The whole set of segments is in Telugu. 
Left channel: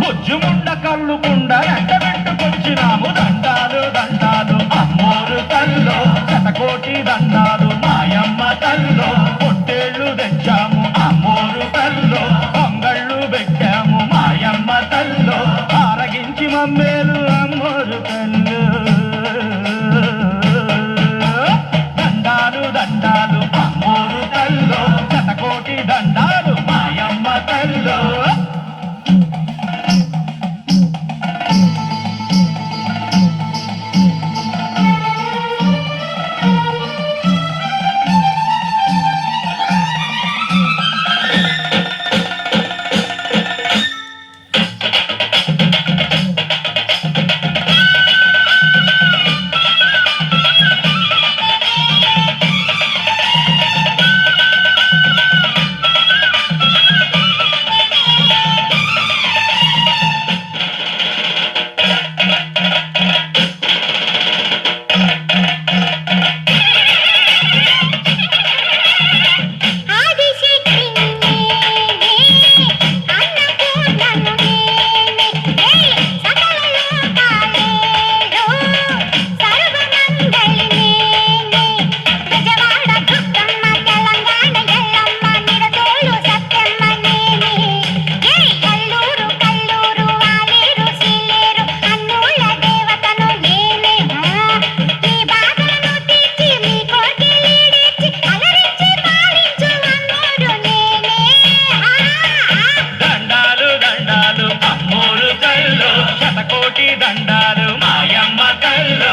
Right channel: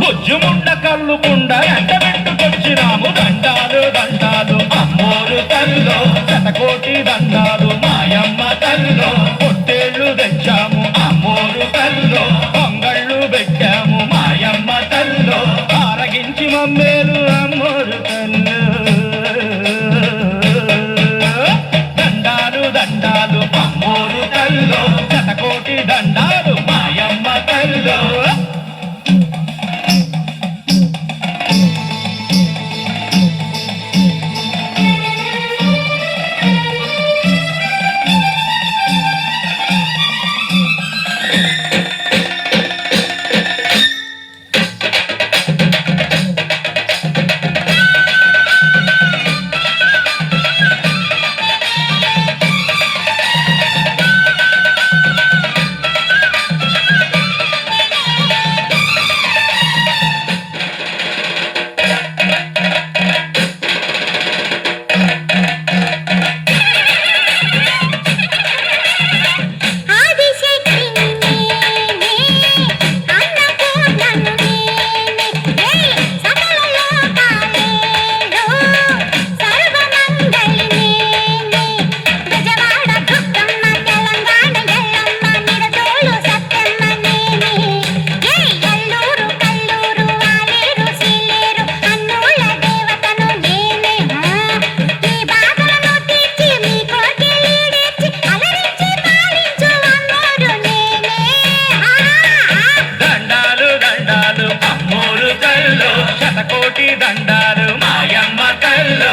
బుజ్జుముండ కళ్ళుకుండ ఎండబెట్టుకొచ్చినాము దండాలు దండాలు అమ్మోరు తల్లో శతకోటి దండాలు మాయమ్మ తల్లో పొట్టేళ్లు తెచ్చాము అమ్మోరు తల్లో పొంగళ్ళు పెట్టాము మాయమ్మ తల్లో ఆరగించి మమ్మేలు అమ్మోరు తల్లు దండాలు దండాలు అమ్మోరు తల్లో శతకోటి దండాలు మాయమ్మ తల్లో శతకోటి దండాలు మాయమ్మ కల్లో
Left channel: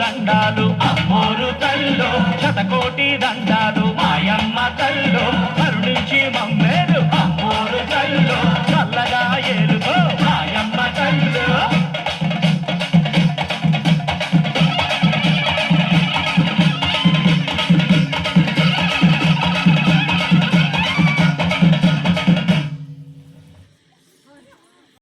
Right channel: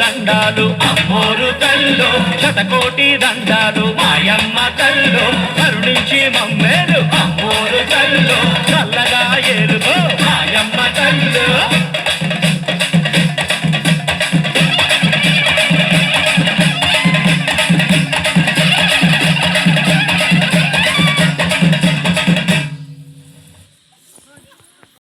దండాలు అమ్మోరు తల్లో శతకోటి దండాలు మాయమ్మ తల్లో కరుణించి మమ్మేలు